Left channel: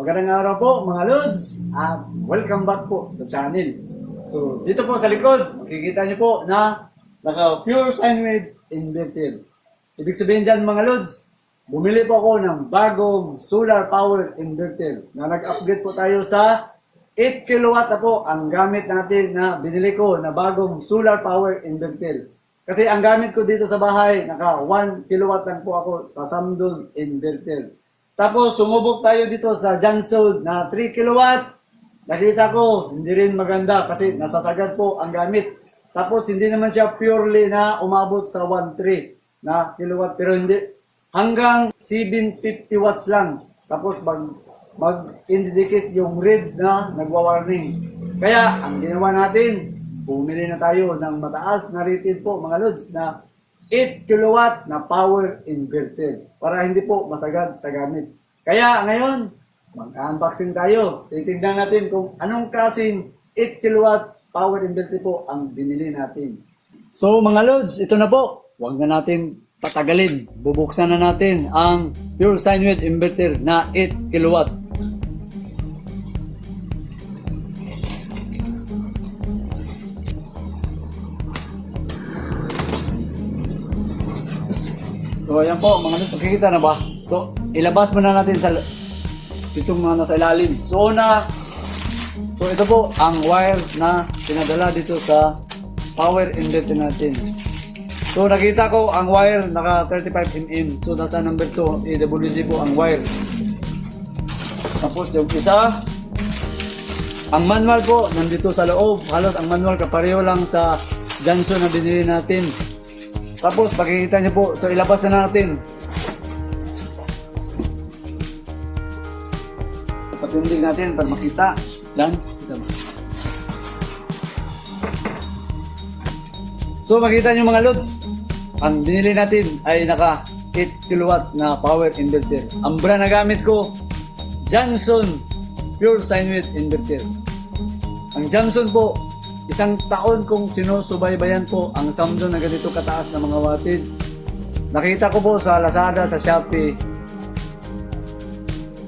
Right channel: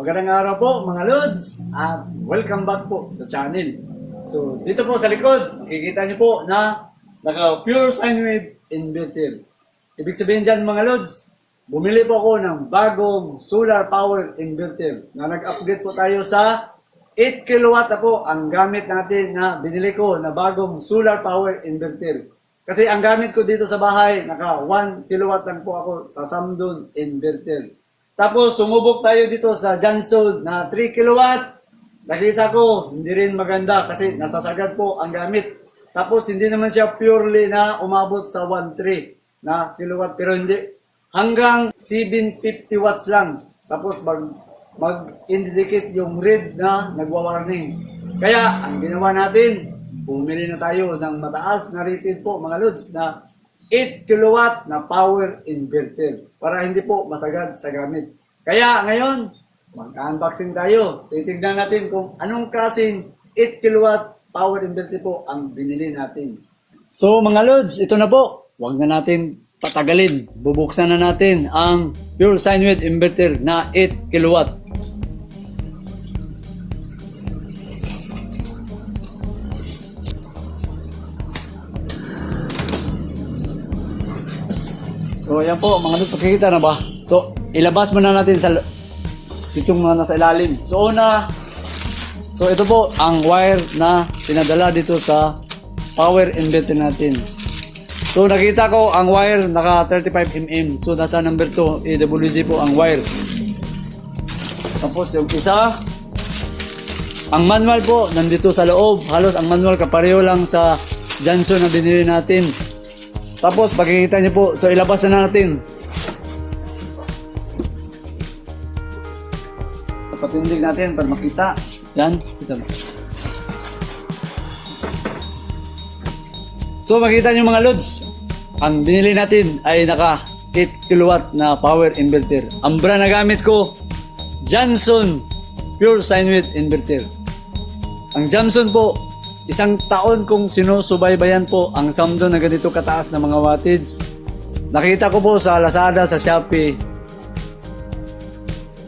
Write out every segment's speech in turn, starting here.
Magandang araw po mga Lods at welcome back po sa channel. So dito po sa likod, makikita nyo po na naka pure sine wave inverter. Ibig sabihin dyan mga Lods, bumili po ako ng bagong solar power inverter na nag-upgrade po tayo sa 8 kilowatt na po ang gamit natin na binili ko na bagong solar power inverter. Kasi ang gamit ko dito sa bahay, naka 1 kilowatt lang po ako sa Samsung inverter. Tapos sumubok tayo dito sa Johnson na 3 kilowatt. Nakita ko, hindi rin maganda kasi nasasagad po ang gamit. Tapos hindi naman siya purely na umabot sa 1.3 na kilowatt. Pero hindi, hanggang 750 watts lang. Tapos mag-indicate yung red na nagwa-warning. Kaya ang ginawa natin, bumili na tayo ng mataas na rated po mga Lods na 8 kilowatt na power inverter para hindi po masagad sa gamit. Kaya ngayon, mag-unboxing tayo. Titignan natin kung anong klaseng 8 kilowatt power inverter po ang binili natin. So mga Lods, ito na po. Huwag na natin patagalin. Bubuksan na natin ang pure sine wave inverter na 8 kilowatt. So ayan po mga Lods, nakikita na ba? So ilabas muna natin sa itong mga nasa ilalim. So ito po ang wire na pinadala dito sa power inverter natin. So nakita ko ang wire naka 35mm. So nasa number 2 AWC po ang wire. Tapos yung isa, ang manual po nandito sa loob. Halos ang manual kapareho lang sa Johnson na binili natin. Tapos pagkikita nyo po, so ilabas na natin. Patindig natin para makita. Yan. So makita nyo mga Lods, ang binili natin ay naka 8 kilowatt na power inverter. Ang brand na gamit ko, Johnson Pure Sine Wave Inverter. Ang Johnson po, isang taon kong sinusubaybayan po ang Samsung na ganito kataas na mga wattage. Nakita ko po sa Lazada, sa Shopee.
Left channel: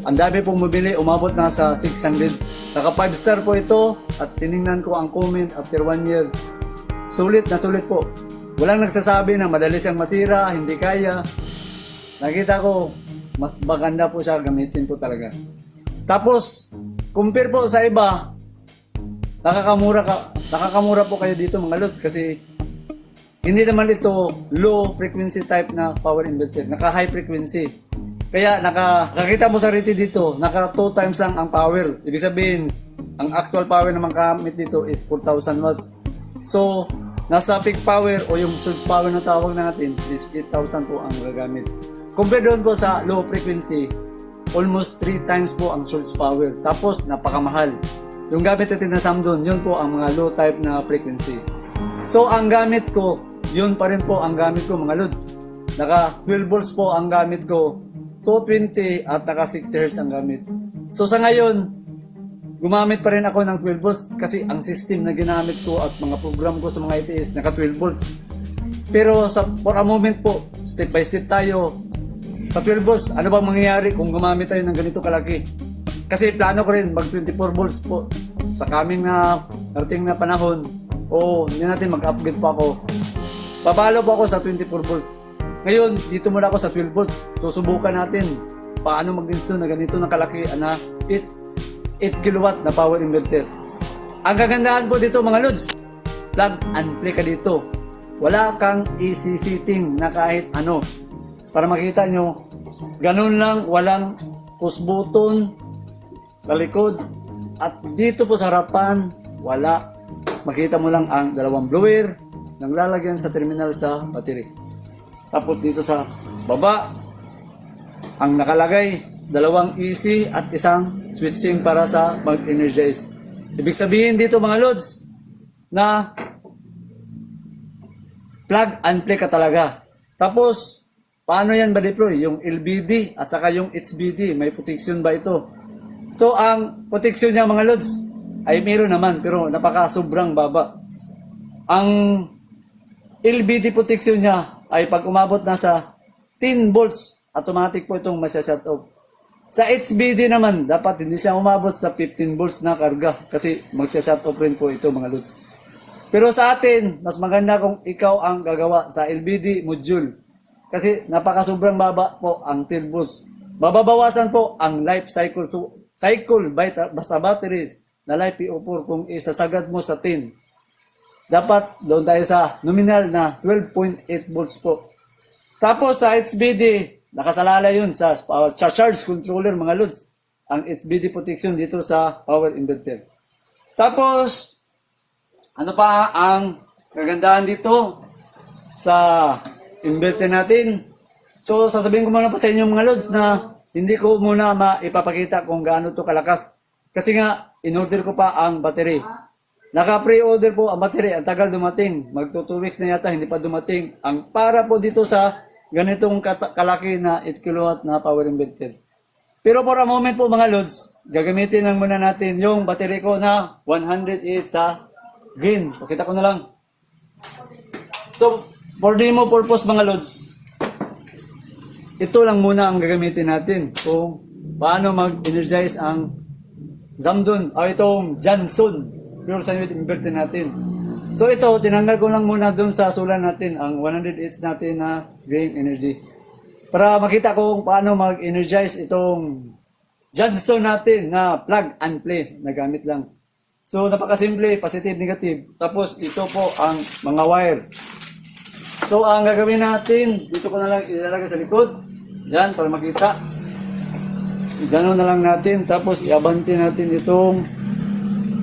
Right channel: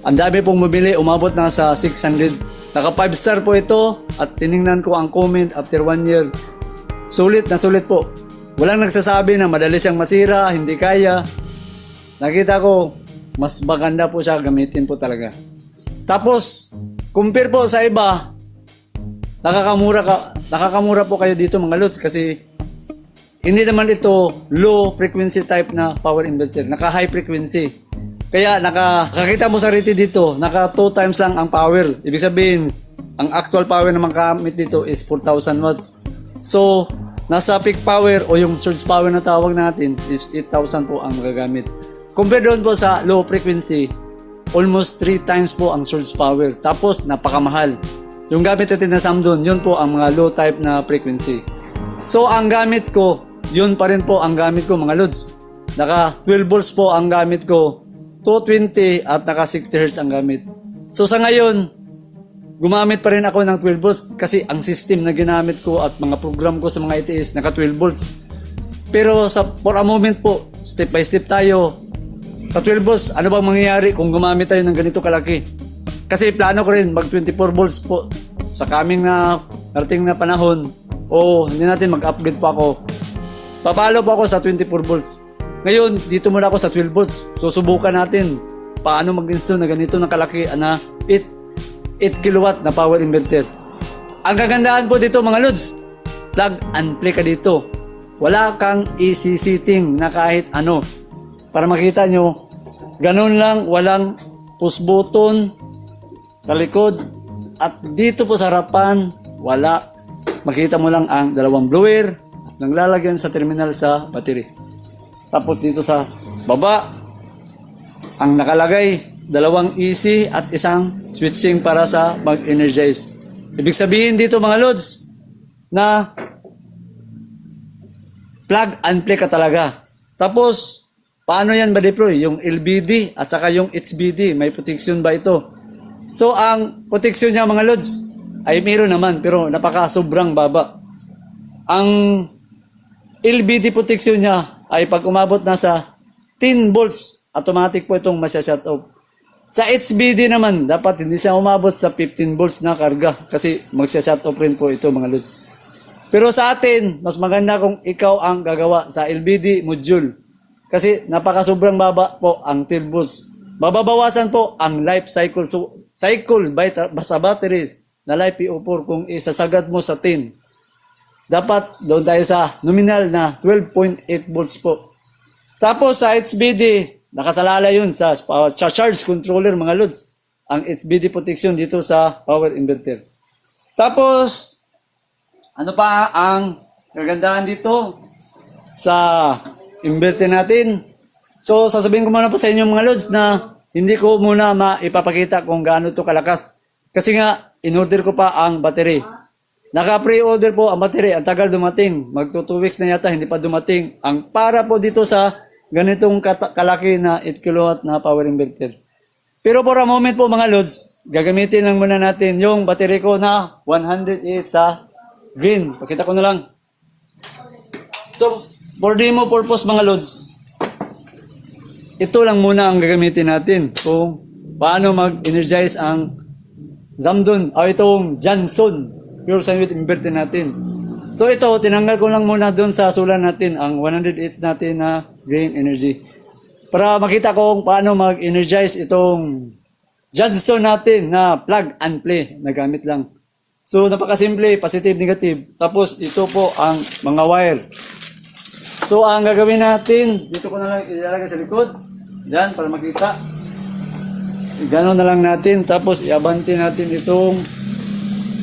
Ang dami pong mabili, umabot na sa 600. Naka 5 star po ito at tiningnan ko ang comment after 1 year. Sulit na sulit po. Walang nagsasabi na madali siyang masira, hindi kaya. Nakita ko, mas maganda po siya, gamitin po talaga. Tapos, compare po sa iba, nakakamura po kayo dito mga Lods kasi hindi naman ito low frequency type na power inverter, naka high frequency. Kaya nakakita mo sa rated dito, naka 2 times lang ang power. Ibig sabihin, ang actual power na magamit dito is 4,000 watts. So, nasa peak power o yung surge power na tawag natin is 8,000 po ang gagamit. Compare doon po sa low frequency, almost 3 times po ang surge power. Tapos, napakamahal. Yung gamit natin na Samsung, yun po ang mga low type na frequency. So, ang gamit ko, yun pa rin po ang gamit ko mga Lods. Naka 12 volts po ang gamit ko, 220 at naka 60 Hz ang gamit. So, sa ngayon, gumamit pa rin ako ng 12 volts kasi ang system na ginamit ko at mga program ko sa mga ITS, naka 12 volts. Pero for a moment po, step by step tayo. Sa 12 volts, ano ba mangyayari kung gumamit tayo ng ganito kalaki? Kasi plano ko rin mag 24 volts po sa coming na narating na panahon o hindi natin mag-upgrade pa ako. Papalo po ako sa 24 volts. Ngayon, dito muna ako sa 12 volts. Susubukan natin paano mag-install na ganito na kalaki na 8 kilowatt na power inverter. Ang kagandahan po dito mga Lods, plug and play ka dito. Wala kang i-setting na kahit ano. Para makita nyo, ganun lang, walang push button sa likod at dito po sa harapan wala. Makita mo lang ang dalawang blower nang lalagyan sa terminal sa battery. Tapos dito sa baba ang nakalagay dalawang AC at isang switching para sa mag-energize. Ibig sabihin dito mga Lods na plug and play ka talaga. Tapos paano yan ba-deploy? Yung LBD at saka yung HBD, may protection ba ito? So, ang protection niya mga Lods ay meron naman pero napaka-sobrang baba. Ang LBD protection niya ay pag umabot na sa 10 volts, automatic po itong masya-shut off. Sa HBD naman, dapat hindi siya umabot sa 15 volts na karga kasi magsa-shut off rin po ito mga lods. Pero sa atin, mas maganda kung ikaw ang gagawa sa LBD module. Kasi napaka-sobrang baba po ang 12 volts. Mababawasan po ang life cycle. So, cycle sa battery na life PO4 kung isasagad mo sa 10. Dapat doon tayo sa nominal na 12.8 volts po. Tapos sa HBD, nakasalala yun sa charge controller mga lods. Ang HBD protection dito sa power inverter. Tapos, ano pa ang kagandahan dito sa inverter natin? So, sasabihin ko muna po sa inyo mga lods na hindi ko muna maipapakita kung gaano to kalakas. Kasi nga, in-order ko pa ang battery. Naka-pre-order po ang battery. Ang tagal dumating. Magto 2 weeks na yata, hindi pa dumating. Ang para po dito sa ganitong kalaki na 8 kW na power inverter. Pero for a moment po mga lods, gagamitin lang muna natin yung battery ko na 100 is sa green. Pakita ko na lang. So, for demo purpose mga lods, ito lang muna ang gagamitin natin kung paano mag-energize ang Zamdun o itong Johnson pure sine wave inverter natin. So ito, tinanggal ko lang muna dun sa solar natin ang 100 Hz natin na green energy para makita ko kung paano mag-energize itong Johnson natin na plug and play na gamit lang. So napakasimple, positive, negative. Tapos ito po ang mga wire. So ang gagawin natin, dito ko na lang ilalagay sa likod. Yan, para makita. Gano'n na lang natin. Tapos iabante natin itong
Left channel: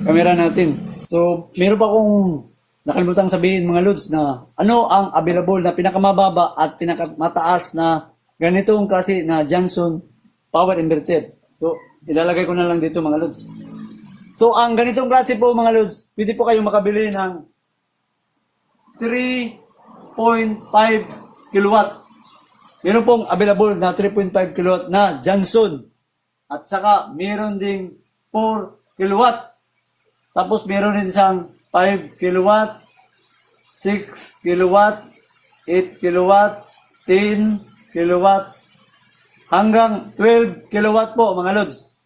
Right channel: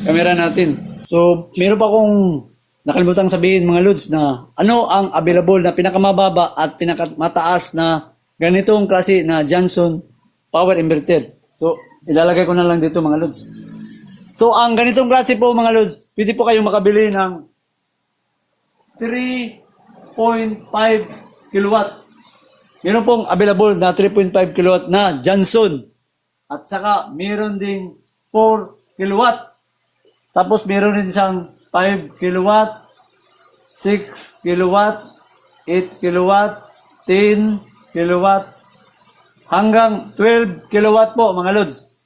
camera natin. So meron pa akong nakalimutan sabihin mga lods na ano ang available na pinakamababa at pinakamataas na ganitong klase na Johnson power inverter. So ilalagay ko na lang dito mga lods. So ang ganitong klase po mga lods, pwede po kayong makabili ng 3.5 kilowatt. Meron pong available na 3.5 kilowatt na Johnson. At saka meron ding 4 kilowatt. Tapos meron din isang 5 kilowatt, 6 kilowatt, 8 kilowatt, 10 kilowatt, hanggang 12 kilowatt po mga lods.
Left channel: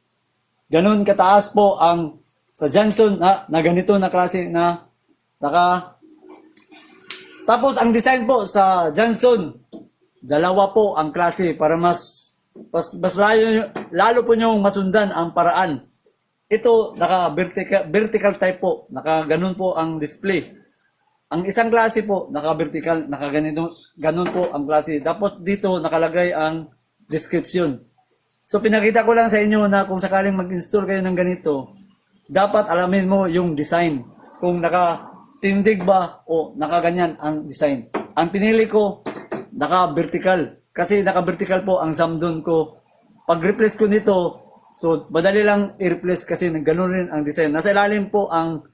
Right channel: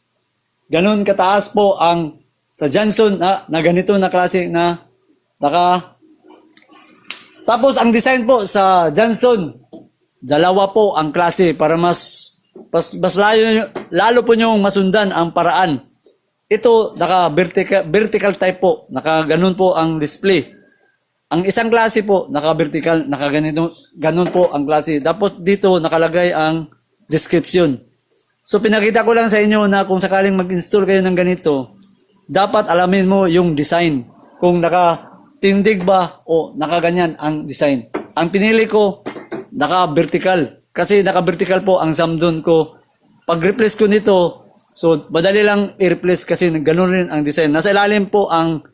Ganun kataas po ang sa Johnson na ganito na klase na Tapos ang design po sa Johnson, dalawa po ang klase para mas lalo po nyo masundan ang paraan. Ito naka-vertical type po, naka-ganun po ang display. Ang isang klase po naka-vertical, ganun po ang klase. Tapos dito nakalagay ang description. So pinakita ko lang sa inyo na kung sakaling mag-install kayo ng ganito, dapat alamin mo yung design. Kung naka-tindig ba o nakaganyan ang design. Ang pinili ko naka-vertical. Kasi naka-vertical po ang Zamdun ko. Pag-replace ko nito, so madali lang i-replace kasi ganoon rin ang design. Nasa ilalim po ang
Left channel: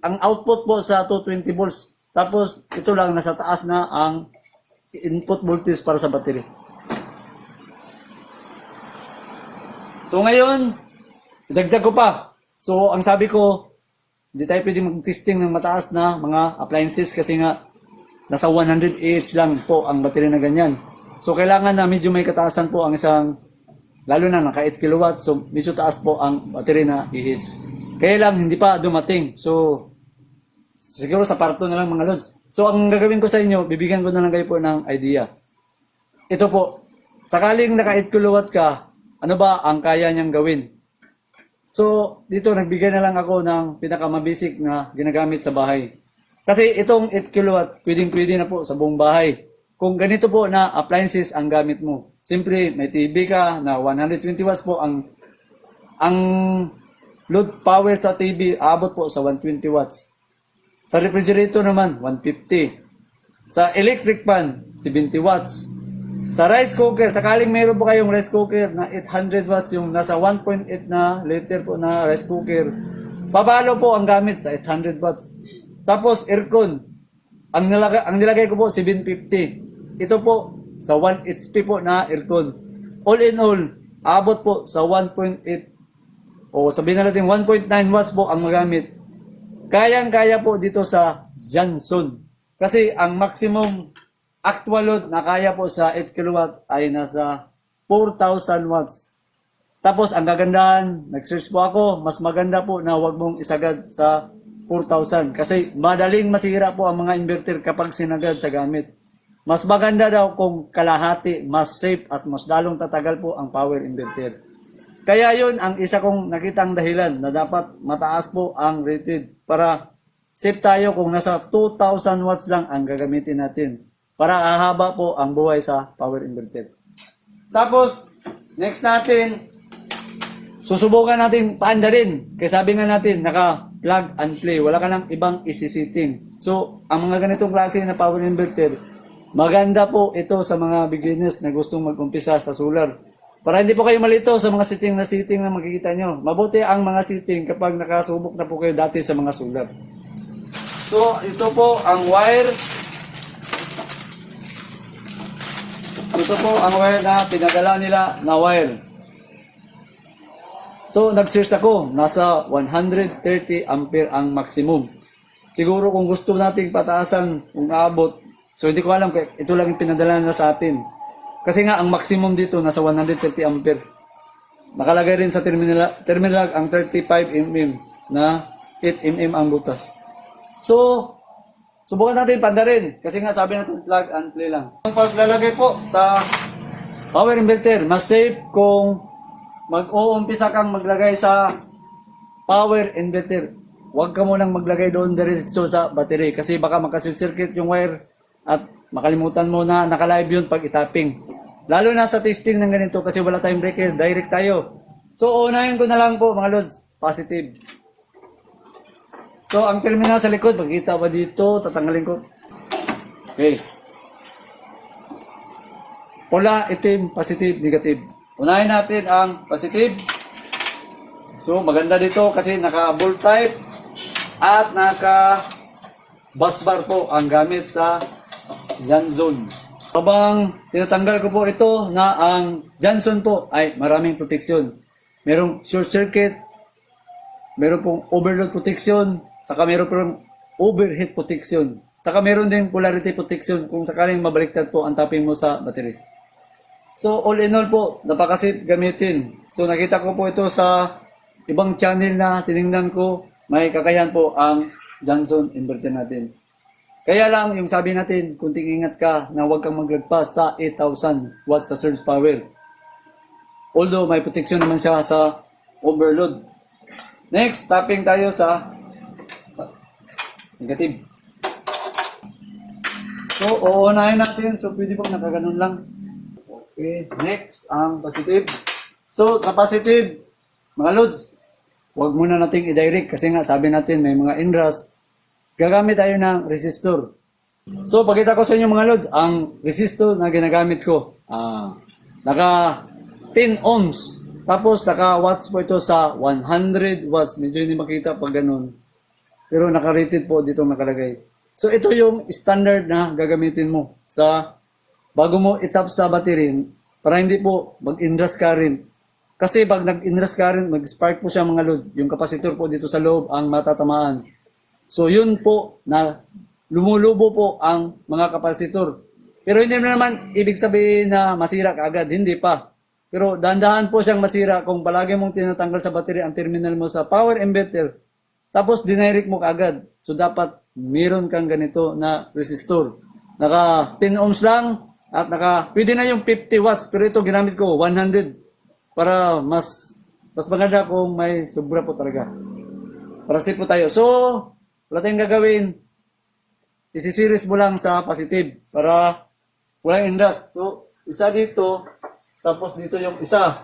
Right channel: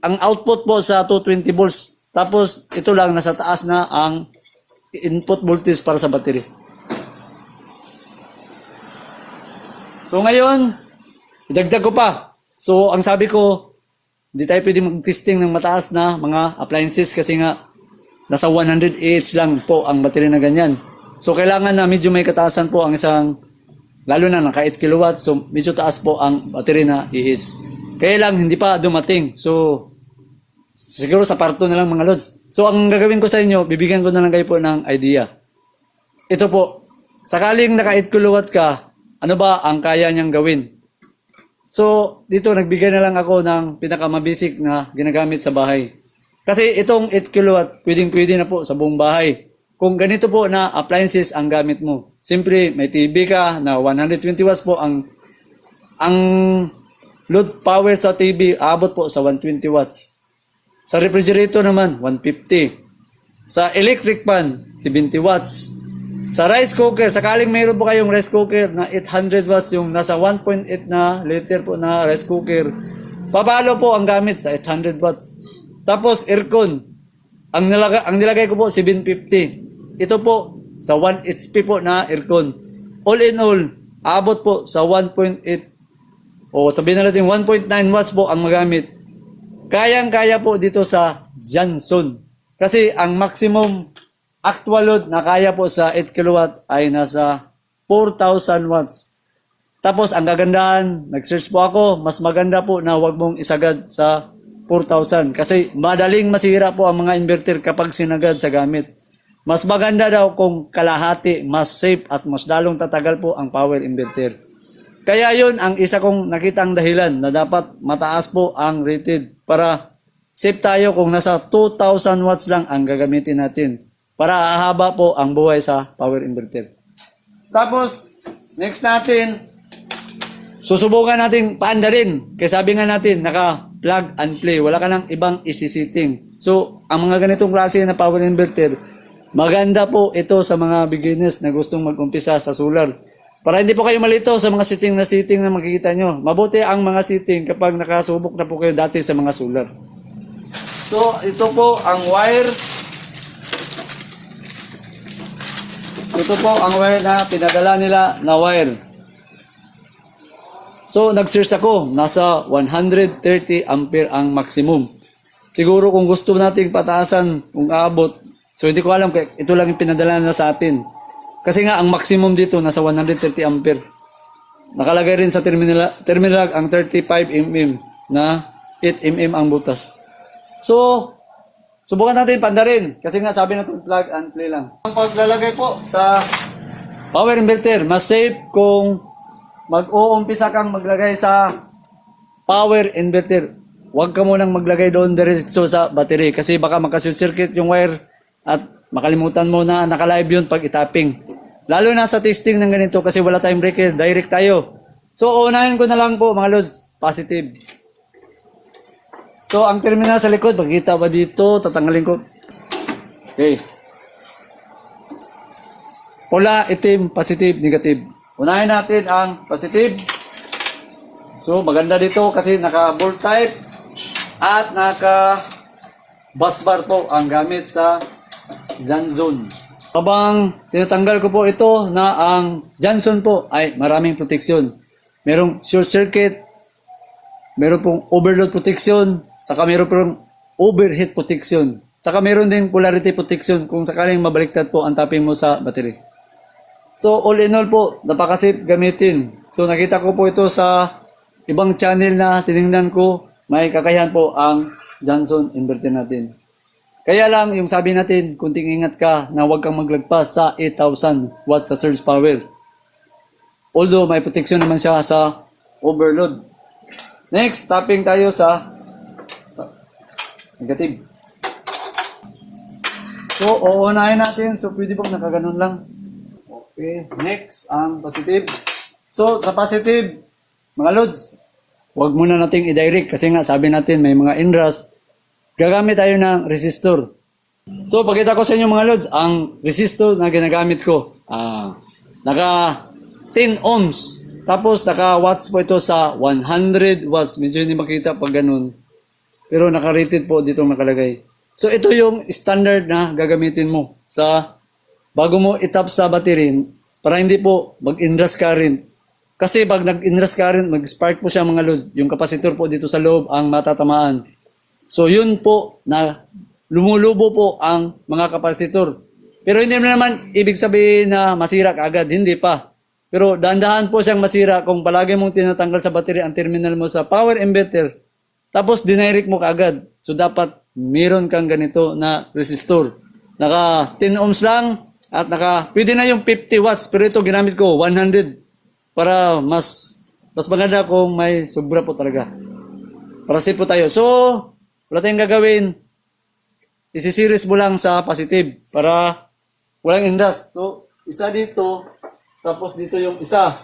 output po sa 220 volts. Tapos ito lang nasa taas na ang input voltage para sa battery. So ngayon, idagdag ko pa. So ang sabi ko, hindi tayo pwede mag-testing ng mataas na mga appliances kasi nga nasa 100 Ah lang po ang battery na ganyan. So kailangan na medyo may kataasan po ang isang, lalo na naka 8 kW, so medyo taas po ang battery na is. Kaya lang hindi pa dumating. So siguro sa parto na lang mga lods. So ang gagawin ko sa inyo, bibigyan ko na lang kayo po ng idea. Ito po, sakaling naka 8 kW ka, ano ba ang kaya niyang gawin? So dito nagbigay na lang ako ng pinakamabasic na ginagamit sa bahay. Kasi itong 8 kW, pwedeng-pwede na po sa buong bahay. Kung ganito po na appliances ang gamit mo. Siyempre, may TV ka na 120 watts po ang load power sa TV, aabot po sa 120 watts. Sa refrigerator naman, 150. Sa electric fan, 70 watts. Sa rice cooker, sakaling mayroon po kayong rice cooker na 800 watts, yung nasa 1.8 na liter po na rice cooker, papalo po ang gamit sa 800 watts. Tapos aircon, ang nilagay ko po 750. Ito po sa 1 HP po na aircon. All in all, aabot po sa 1.8 o sabihin na natin 1.9 watts po ang magamit. Kayang-kaya po dito sa Johnson. Kasi ang maximum actual load na kaya po sa 8 kW ay nasa 4,000 watts. Tapos ang gagandahan, nag-search po ako, mas maganda po na wag mong isagad sa 4,000 kasi madaling masira po ang mga inverter kapag sinagad sa gamit. Mas maganda daw kung kalahati, mas safe at mas lalong tatagal po ang power inverter. Kaya yun ang isa kong nakitang dahilan na dapat mataas po ang rated para safe tayo kung nasa 2,000 watts lang ang gagamitin natin para ahaba po ang buhay sa power inverter. Tapos, next natin, susubukan natin paandarin. Kaya sabi nga natin, naka plug and play. Wala ka nang ibang isi-setting. So, ang mga ganitong klase na power inverter, maganda po ito sa mga beginners na gustong mag-umpisa sa solar. Para hindi po kayo malito sa mga setting na makikita nyo. Mabuti ang mga setting kapag nakasubok na po kayo dati sa mga solar. So, ito po ang wire. Ito po ang wire na pinadala nila na wire. So, nag-search ako. Nasa 130 ampere ang maximum. Siguro kung gusto nating pataasan kung aabot. So, hindi ko alam. Ito lang yung pinadala na sa atin. Kasi nga, ang maximum dito nasa 130 ampere. Nakalagay rin sa terminal ang 35 mm na 8 mm ang butas. So, subukan natin pandarin. Kasi nga, sabi natin plug and play lang. Ang paglalagay po sa power inverter, mas safe kung mag-uumpisa kang maglagay sa power inverter. Huwag ka munang maglagay doon diretso sa battery kasi baka makasircuit yung wire at makalimutan mo na naka-live yun pag itapping. Lalo na sa testing ng ganito kasi wala tayong breaker, direct tayo. So, unahin ko na lang po mga lods, positive. So, ang terminal sa likod, makikita ba dito? Tatanggalin ko. Okay. Pula, itim, positive, negative. Unahin natin ang positive. So, maganda dito kasi naka-bolt type at naka-bus bar po ang gamit sa Johnson. Habang tinatanggal ko po ito na ang Johnson po ay maraming proteksyon. Merong short circuit, meron pong overload protection, saka meron pong overheat protection. Saka meron din polarity protection kung sakaling mabaliktad po ang tapping mo sa battery. So all in all po, napaka-safe gamitin. So nakita ko po ito sa ibang channel na tinignan ko, may kakayahan po ang Johnson inverter natin. Kaya lang yung sabi natin, kunting ingat ka na huwag kang maglagpas sa 8,000 watts sa surge power. Although may protection naman siya sa overload. Next, tapping tayo sa negative. So, uunahin natin. So, pwede po nakaganon lang. Okay, next, ang positive. So, sa positive, mga loads, huwag muna nating i-direct kasi nga sabi natin may mga inrush. Gagamit tayo ng resistor. So, pakita ko sa inyo mga loads, ang resistor na ginagamit ko. Naka 10 ohms. Tapos, naka watts po ito sa 100 watts. Medyo hindi makita pag ganun. Pero naka-rated po dito nakalagay. So, ito yung standard na gagamitin mo sa bago mo itap sa battery para hindi po mag-inrush current. Kasi pag nag-inrush current, mag-spark po siya mga loads. Yung kapasitor po dito sa loob ang matatamaan. So yun po na lumulubo po ang mga kapasitor. Pero hindi naman ibig sabihin na masira kaagad, hindi pa. Pero dahan-dahan po siyang masira kung palagi mong tinatanggal sa battery ang terminal mo sa power inverter. Tapos dinirect mo kaagad. So dapat meron kang ganito na resistor. Naka 10 ohms lang at pwede na yung 50 watts pero ito ginamit ko 100 para mas maganda kung may sobra po talaga. Para safe po tayo. So, wala tayong gagawin. Isi-series mo lang sa positive para walang inrush. So, isa dito, tapos dito yung isa.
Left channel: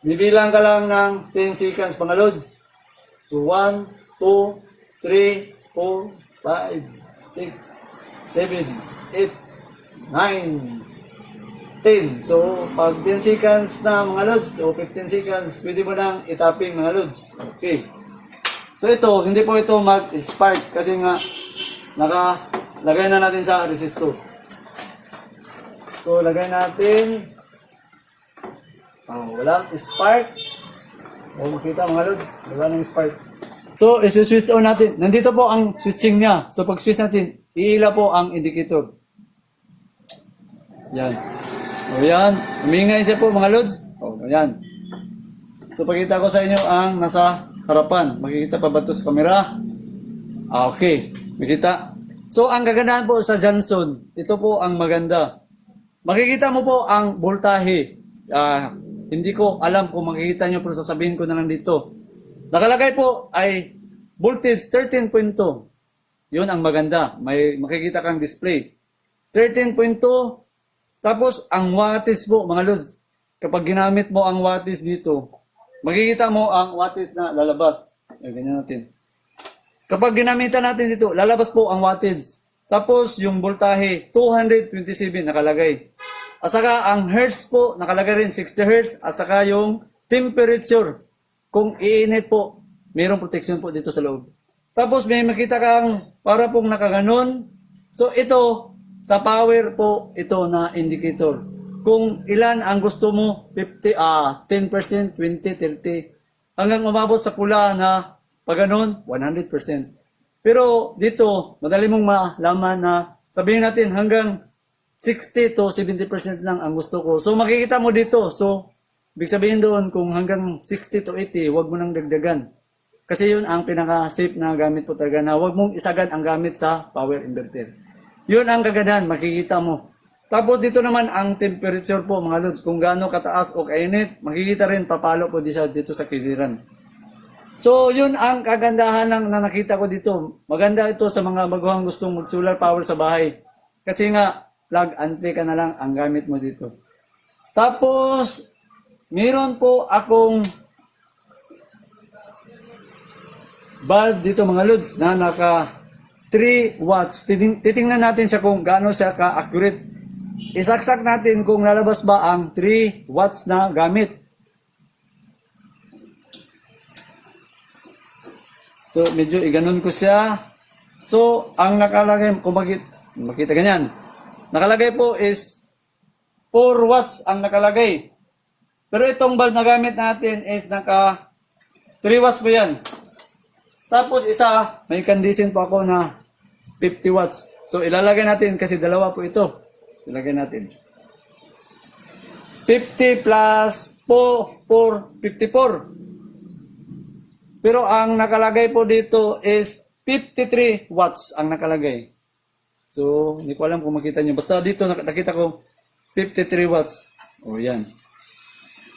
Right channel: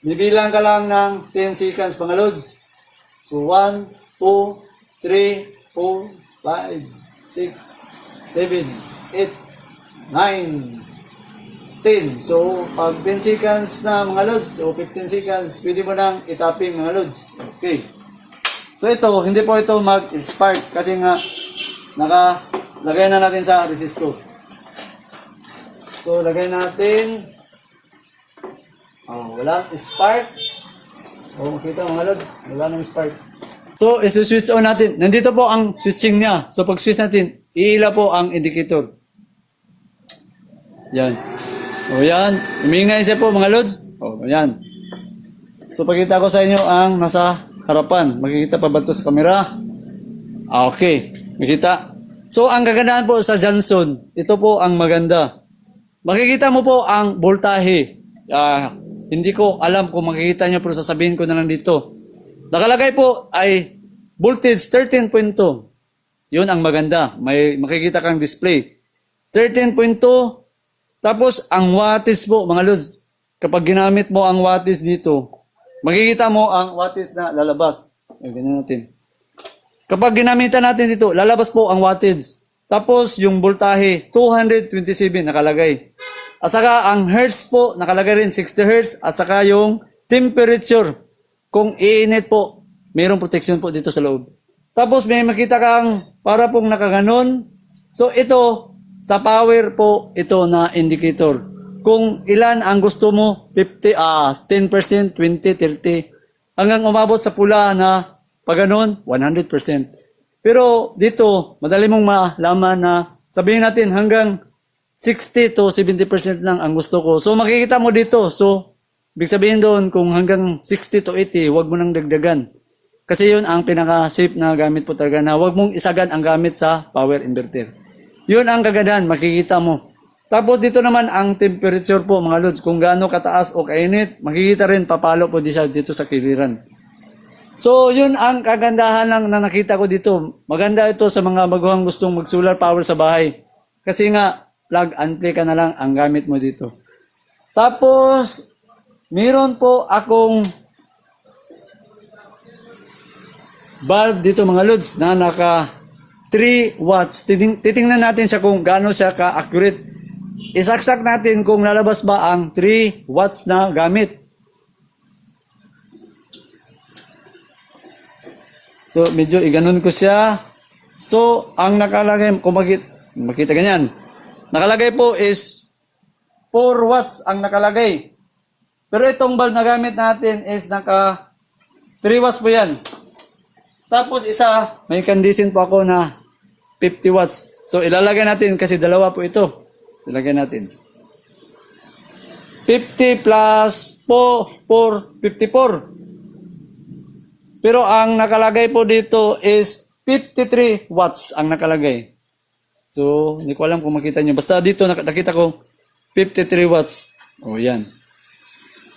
Bibilang ka lang ng 10 seconds mga loads. So, 1, 2, 3, 4, 5, 6, 7, 8, 9, 10. So, pag 10 seconds na mga loads, o 15 seconds, pwede mo nang itapping mga loads. Okay. So ito, hindi po ito mag-spark kasi nga nakalagay na natin sa resistor. So lagay natin. Walang spark. Makita mga lod, wala nang spark. So isi-switch on natin. Nandito po ang switching niya. So pag switch natin, iila po ang indicator. Yan. O yan, umingay siya po mga lods. O yan. So pakita ko sa inyo ang nasa harapan. Makikita pa ba ito sa camera? Okay, makita. So ang kagandahan po sa Johnson, ito po ang maganda. Makikita mo po ang voltahe. Hindi ko alam kung makikita nyo pero sasabihin ko na lang dito. Nakalagay po ay voltage 13.2. Yun ang maganda. May makikita kang display. 13.2. Tapos ang wattage po mga lods. Kapag ginamit mo ang wattage dito, makikita mo ang wattage na lalabas. Ganyan natin. Kapag ginamitan natin dito, lalabas po ang wattage. Tapos yung voltahe 227 nakalagay. At saka ang hertz po nakalagay rin 60 Hz. At saka yung temperature. Kung iinit po, mayroong protection po dito sa loob. Tapos may makita kang para pong nakaganon. So ito, sa power po, ito na indicator. Kung ilan ang gusto mo, 10%, 20, 30, hanggang umabot sa pula na pag ganun, 100%. Pero dito, madali mong malaman na sabihin natin hanggang 60 to 70% lang ang gusto ko. So makikita mo dito. So, ibig sabihin doon kung hanggang 60 to 80, huwag mo nang dagdagan. Kasi yun ang pinaka-safe na gamit po talaga na huwag mong isagan ang gamit sa power inverter. Yun ang kagandahan, makikita mo. Tapos dito naman ang temperature po mga lods, kung gaano kataas o kainit, makikita rin papalo po dito sa kiliran. So yun ang kagandahan lang na nakita ko dito. Maganda ito sa mga baguhang gustong mag-solar power sa bahay. Kasi nga, plug and play ka na lang ang gamit mo dito. Tapos, meron po akong bulb dito mga lods na naka 3 watts. Titingnan natin siya kung gaano siya ka-accurate. Isaksak natin kung lalabas ba ang 3 watts na gamit. So medyo iganon ko siya. So ang nakalagay, kung makita ganyan, nakalagay po is 4 watts ang nakalagay. Pero itong bulb na gamit natin is naka 3 watts po yan. Tapos isa, may condition po ako na 50 watts. So ilalagay natin kasi dalawa po ito. Ilagay natin. 50 plus 4, 54. Pero ang nakalagay po dito is 53 watts ang nakalagay. So, hindi ko alam kung makita nyo. Basta dito nakita ko 53 watts. O, yan.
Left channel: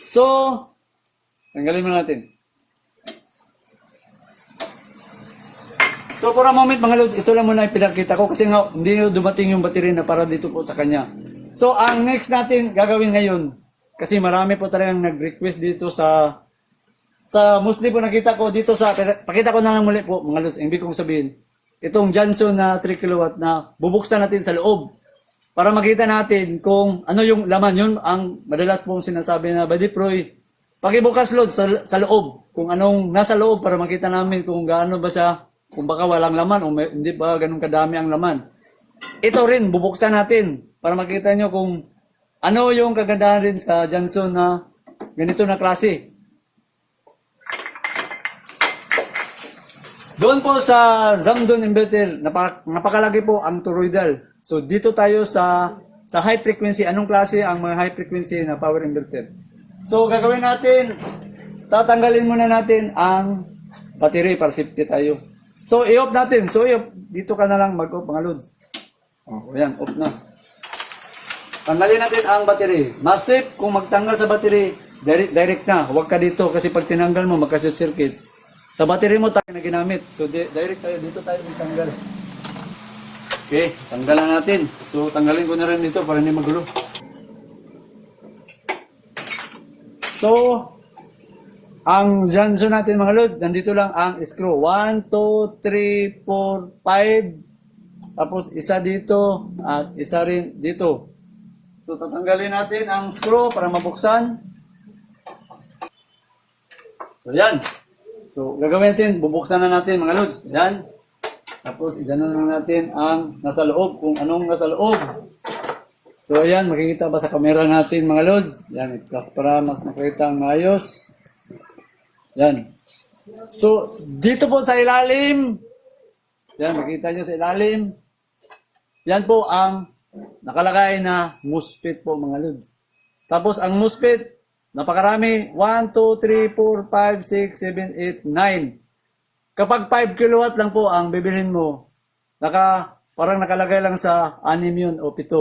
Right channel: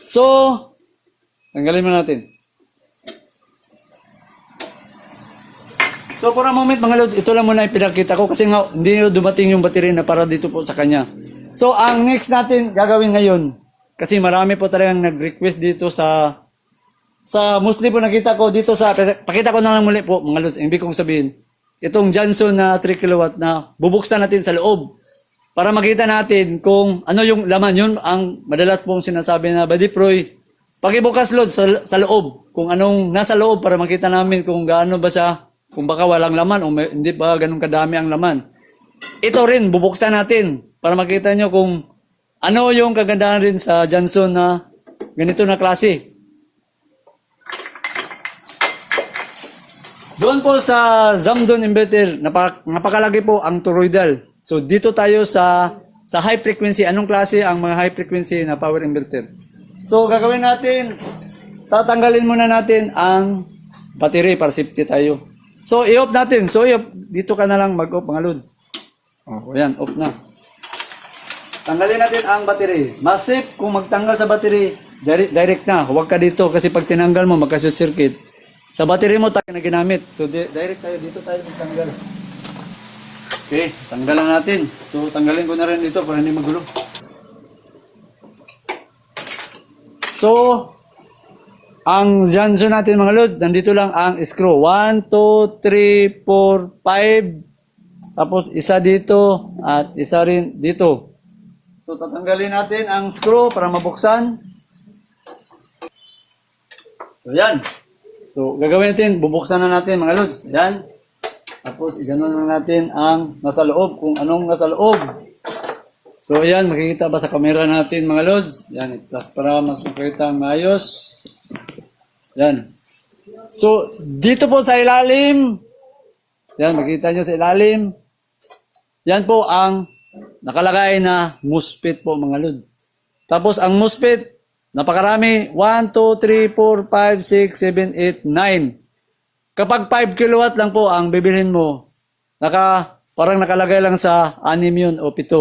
So, tanggalin mo natin. So for a moment mga lods, ito lang muna yung pinakita ko kasi nga hindi dumating yung battery na para dito po sa kanya. So ang next natin gagawin ngayon, kasi marami po talagang nag-request dito sa mostly po nakita ko dito sa, pakita ko na lang muli po mga lods, ibig kong sabihin, itong Johnson na 3 kW na bubuksan natin sa loob para makita natin kung ano yung laman. Yun ang madalas pong sinasabi na Badiproy, pakibukas lods sa loob, kung anong nasa loob para makita namin kung gaano ba siya. Kung baka walang laman o hindi ba ganun kadami ang laman. Ito rin, bubuksan natin para makita nyo kung ano yung kagandahan rin sa Johnson na ganito na klase. Doon po sa Zamdon inverter, napakalagi po ang toroidal. So dito tayo sa high frequency. Anong klase ang mga high frequency na power inverter? So gagawin natin, tatanggalin muna natin ang battery para safety tayo. So, i-off natin. So, dito ka na lang mag-off mga lods. O, yan, off na. Tanggalin natin ang battery. Mas safe kung magtanggal sa battery, direct na. Huwag ka dito kasi pag tinanggal mo, magka-circuit. Sa battery mo tayo na ginamit. So, direct tayo. Dito tayo magtanggal. Okay, tanggal lang natin. So, tanggalin ko na rin dito para hindi magulo. So, ang Johnson natin mga lods, nandito lang ang screw. 1, 2, 3, 4, 5. Tapos isa dito at isa rin dito. So tatanggalin natin ang screw para mabuksan. So yan. So gagawin natin, bubuksan na natin mga lods. Yan. Tapos iganon lang natin ang nasa loob, kung anong nasa loob. So yan, makikita ba sa camera natin mga lods? Yan, i-plus para mas makita ang maayos. Yan. So, dito po sa ilalim, yan, makita nyo sa ilalim, yan po ang nakalagay na MOSFET po mga lods. Tapos ang MOSFET, napakarami. 1, 2, 3, 4, 5, 6, 7, 8, 9. Kapag 5 kilowatt lang po ang bibilhin mo, parang nakalagay lang sa 6 yun o 7.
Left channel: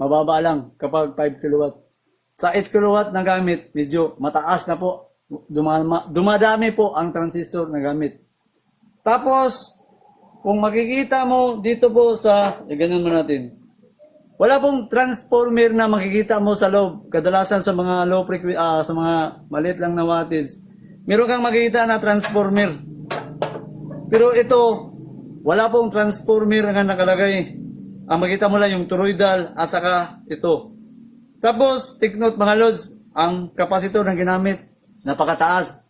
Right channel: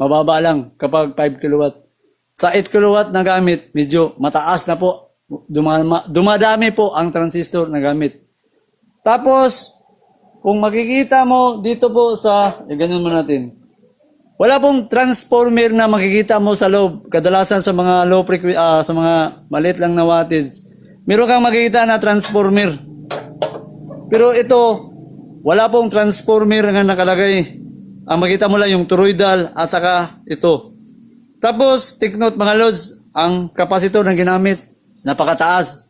Mababa lang kapag 5 kilowatt. Sa 8 kilowatt na gamit, medyo mataas na po. Dumadami po ang transistor na gamit. Tapos, kung makikita mo dito po ganun mo natin. Wala pong transformer na makikita mo sa loob. Kadalasan sa mga low frequency, sa mga maliit lang na wattage, meron kang makikita na transformer. Pero ito, wala pong transformer na nakalagay. Ang makita mo lang yung toroidal at saka ito. Tapos, take note mga lods, ang kapasitor na ginamit, napakataas.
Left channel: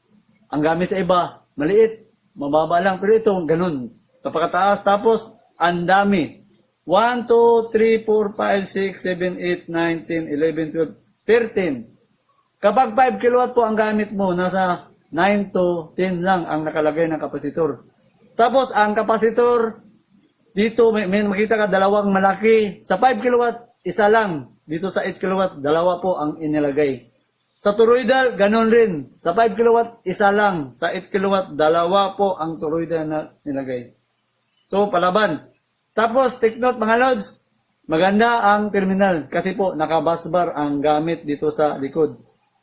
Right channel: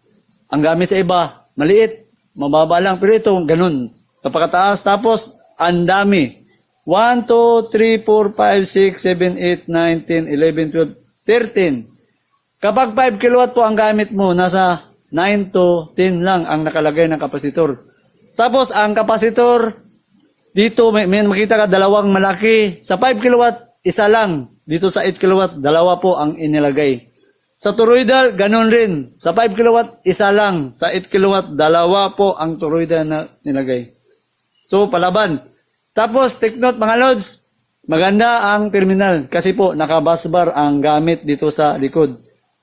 Ang gamit sa iba, maliit, mababa lang. Pero ito, ganun. Napakataas. Tapos, ang dami. 1, 2, 3, 4, 5, 6, 7, 8, 9, 10, 11, 12, 13. Kapag 5 kilowatt po ang gamit mo, nasa 9 to 10 lang ang nakalagay ng kapasitor. Tapos, ang kapasitor, dito may makita ka dalawang malaki. Sa 5 kilowatt, isa lang. Dito sa 8 kilowatt, dalawa po ang inilagay. Sa toroidal, ganun rin. Sa 5 kilowatt, isa lang. Sa 8 kilowatt, dalawa po ang toroidal na nilagay. So, palaban. Tapos, take note mga lods, maganda ang terminal kasi po nakabusbar ang gamit dito sa likod.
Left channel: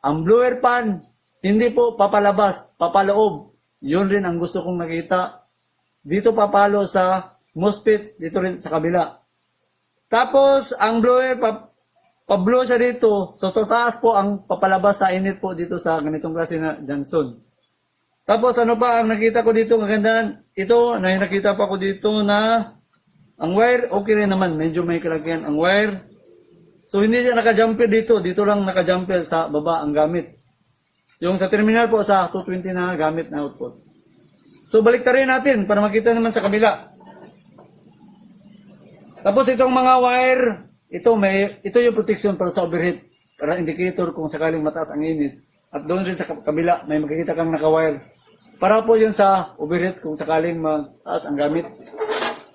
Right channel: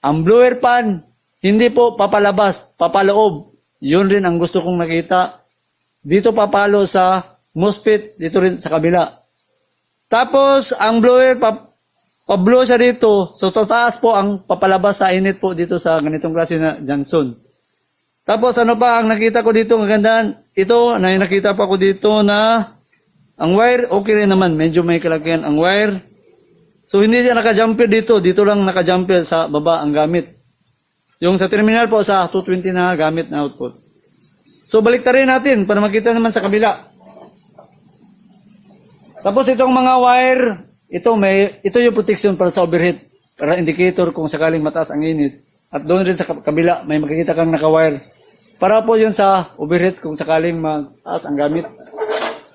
Ang blower pan, hindi po papalabas, papaloob. Yun rin ang gusto kong nakita. Dito papalo sa MOSFET, dito rin sa kabila. Tapos, ang blower, pa-blow siya dito. So, sa taas po ang papalabas sa init po dito sa ganitong klase na Johnson. Tapos, ano pa ang nakita ko dito, magandaan. Ito, nakita pa ko dito na ang wire, okay rin naman. Medyo may kalagyan ang wire. So, hindi siya naka-jumper dito. Dito lang naka-jumper sa baba ang gamit. Yung sa terminal po, sa 220 na gamit na output. So, baliktarin natin para makita naman sa kabila. Tapos, itong mga wire, ito yung protection para sa overheat. Para indicator kung sakaling mataas ang init. At doon rin sa kabila, may makikita kang naka-wire. Para po yun sa overheat kung sakaling mataas ang gamit.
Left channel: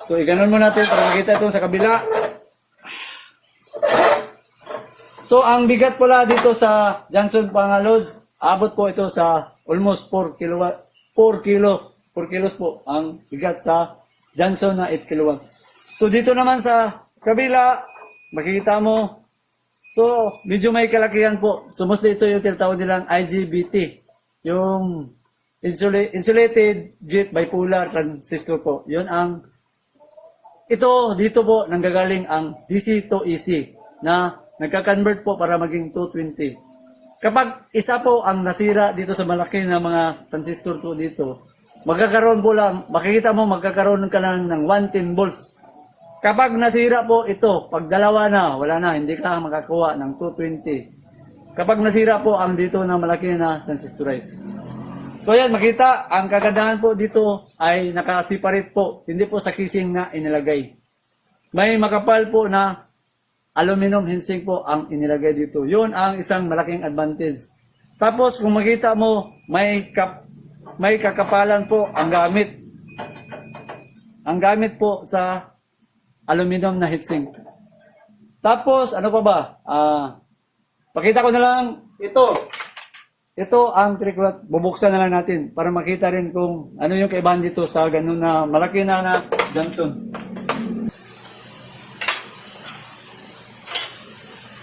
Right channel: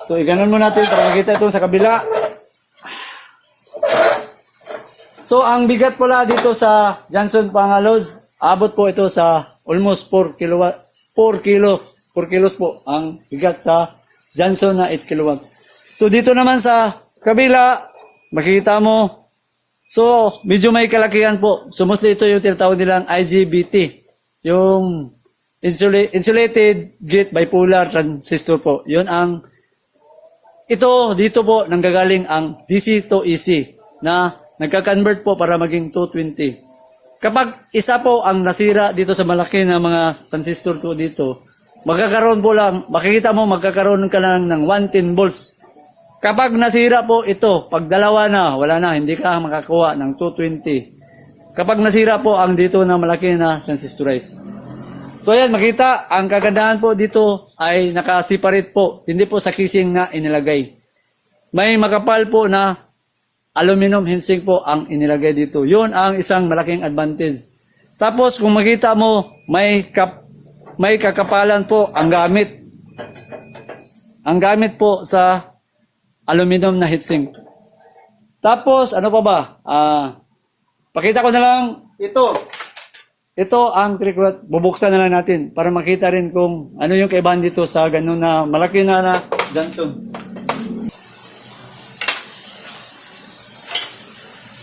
So, iganon mo natin para makita ito sa kabila. So, ang bigat pala dito sa Johnson Pangalos, abot po ito sa almost 4 kilos po ang bigat sa Johnson na 8 kilowatt. So, dito naman sa kabila, makikita mo, so, medyo may kalakihan po. So, mostly ito yung tinatawag nilang IGBT. Yung insulated gate bipolar transistor po. Yun ang dito po nanggagaling ang DC to AC na nagka-convert po para maging 220. Kapag isa po ang nasira dito sa malaki na mga transistor po dito, magkakaroon po lang, makikita mo magkakaroon ka lang ng 110 volts. Kapag nasira po ito, pag dalawa na, wala na, hindi ka makakuha ng 220. Kapag nasira po ang dito na malaki na transistorize. So yan, makita, ang kagandahan po dito ay naka-separate po. Hindi po sa casing na inilagay. May makapal po na aluminum heatsink po ang inilagay dito. Yun ang isang malaking advantage. Tapos kung makita mo, may kakapalan po ang gamit. Ang gamit po sa aluminum na heatsink. Tapos, ano pa ba? Pakita ko na lang ito. Ito ang 3 kilowatt. Bubuksan na lang natin para makita rin kung ano yung kaibahan dito sa ganun na malaki na Johnson.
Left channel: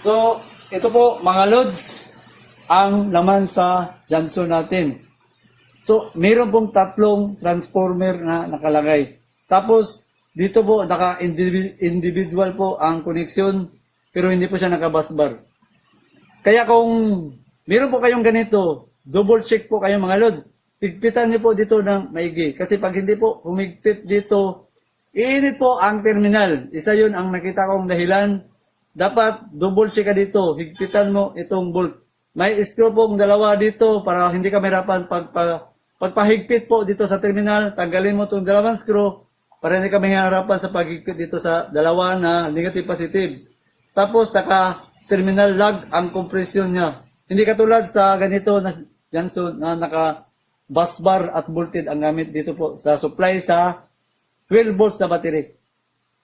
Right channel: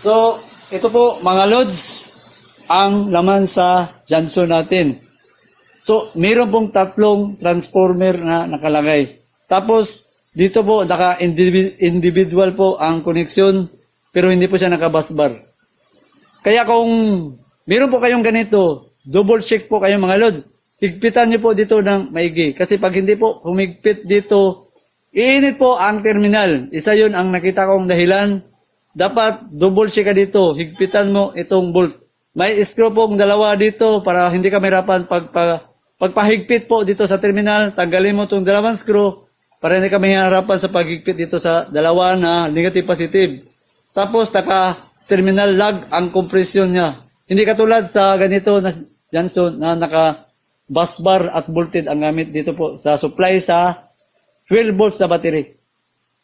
So, ito po mga lods ang laman sa Johnson natin. So, mayroon pong 3 transformer na nakalagay. Tapos, dito po naka-individual po ang connection pero hindi po siya naka-busbar. Kaya kung meron po kayong ganito, double check po kayo mga lods. Higpitan niyo po dito ng maigi. Kasi pag hindi po humigpit dito, iinit po ang terminal. Isa yun ang nakita kong dahilan. Dapat double check ka dito. Higpitan mo itong bolt. May screw pong dalawa dito para hindi ka mahirapan pagpahigpit po dito sa terminal. Tanggalin mo itong dalawang screw para hindi ka mahirapan sa paghigpit dito sa dalawa na negative positive. Tapos terminal lag ang compression niya. Hindi katulad sa ganito na Johnson na naka busbar at bolted ang gamit dito po sa supply sa 12 volts sa battery.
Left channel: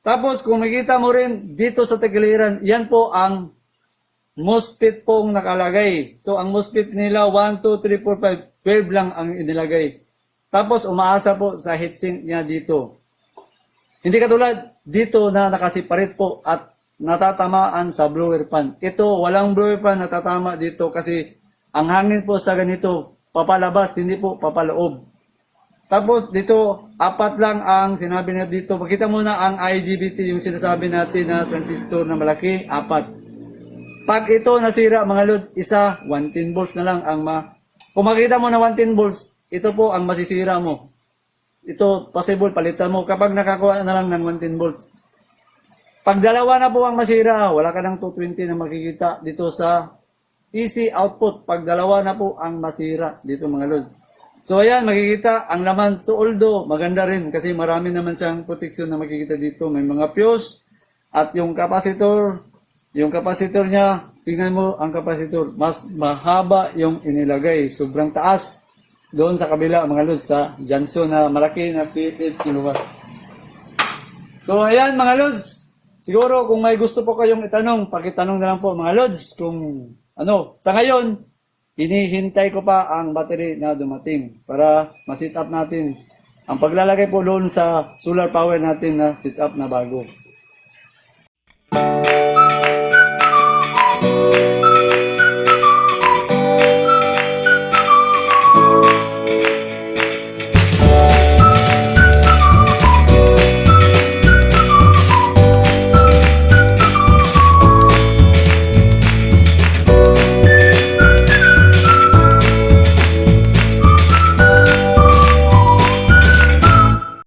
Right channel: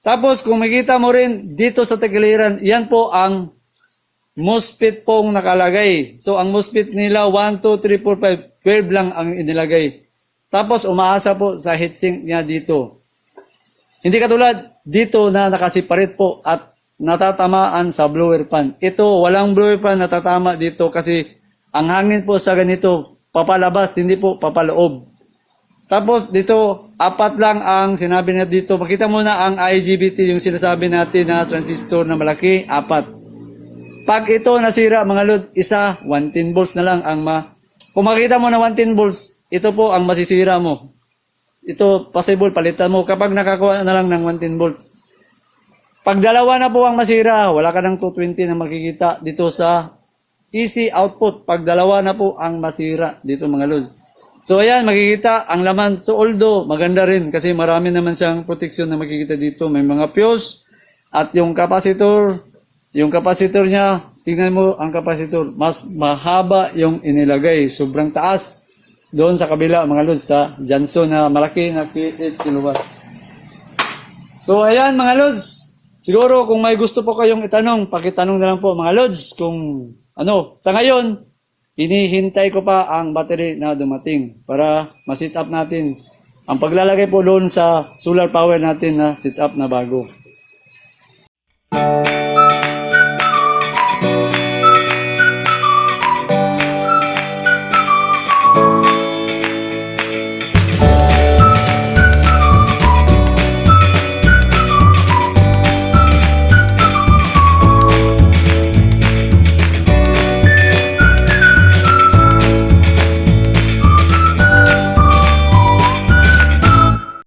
Tapos kung makita mo rin dito sa tagiliran, yan po ang MOSFET pong nakalagay. So ang MOSFET nila 1, 2, 3, 4, 5, 12 lang ang inilagay. Tapos umaasa po sa heatsink niya dito. Hindi katulad dito na nakasiparate po at natatamaan sa blower fan. Ito walang blower fan natatama dito kasi ang hangin po sa ganito papalabas, hindi po papaloob. Tapos dito, 4 lang ang sinabi na dito. Makita mo na ang IGBT, yung sinasabi natin na transistor na malaki, 4. Pag ito nasira mga lod, isa, 110 volts na lang ang Kung makita mo na 110 volts, ito po ang masisira mo. Ito, possible, palitan mo kapag nakakuha na lang ng 110 volts. Pag dalawa na po ang masira, wala ka ng 220 na makikita dito sa AC output. Pag dalawa na po ang masira dito mga lod. So ayan, makikita ang laman. So although maganda rin kasi marami naman siyang protection na makikita dito. May mga fuse at yung capacitor niya, tingnan mo ang capacitor, mas mahaba yung inilagay. Sobrang taas doon sa kabila mga lods sa Johnson na malaki na 8 kW. So ayan mga lods, siguro kung may gusto po kayong itanong, pakitanong na lang po mga lods kung sa ngayon, hinihintay ko pa ang battery na dumating para ma-set up natin ang paglalagay po doon sa solar power natin na set up na bago.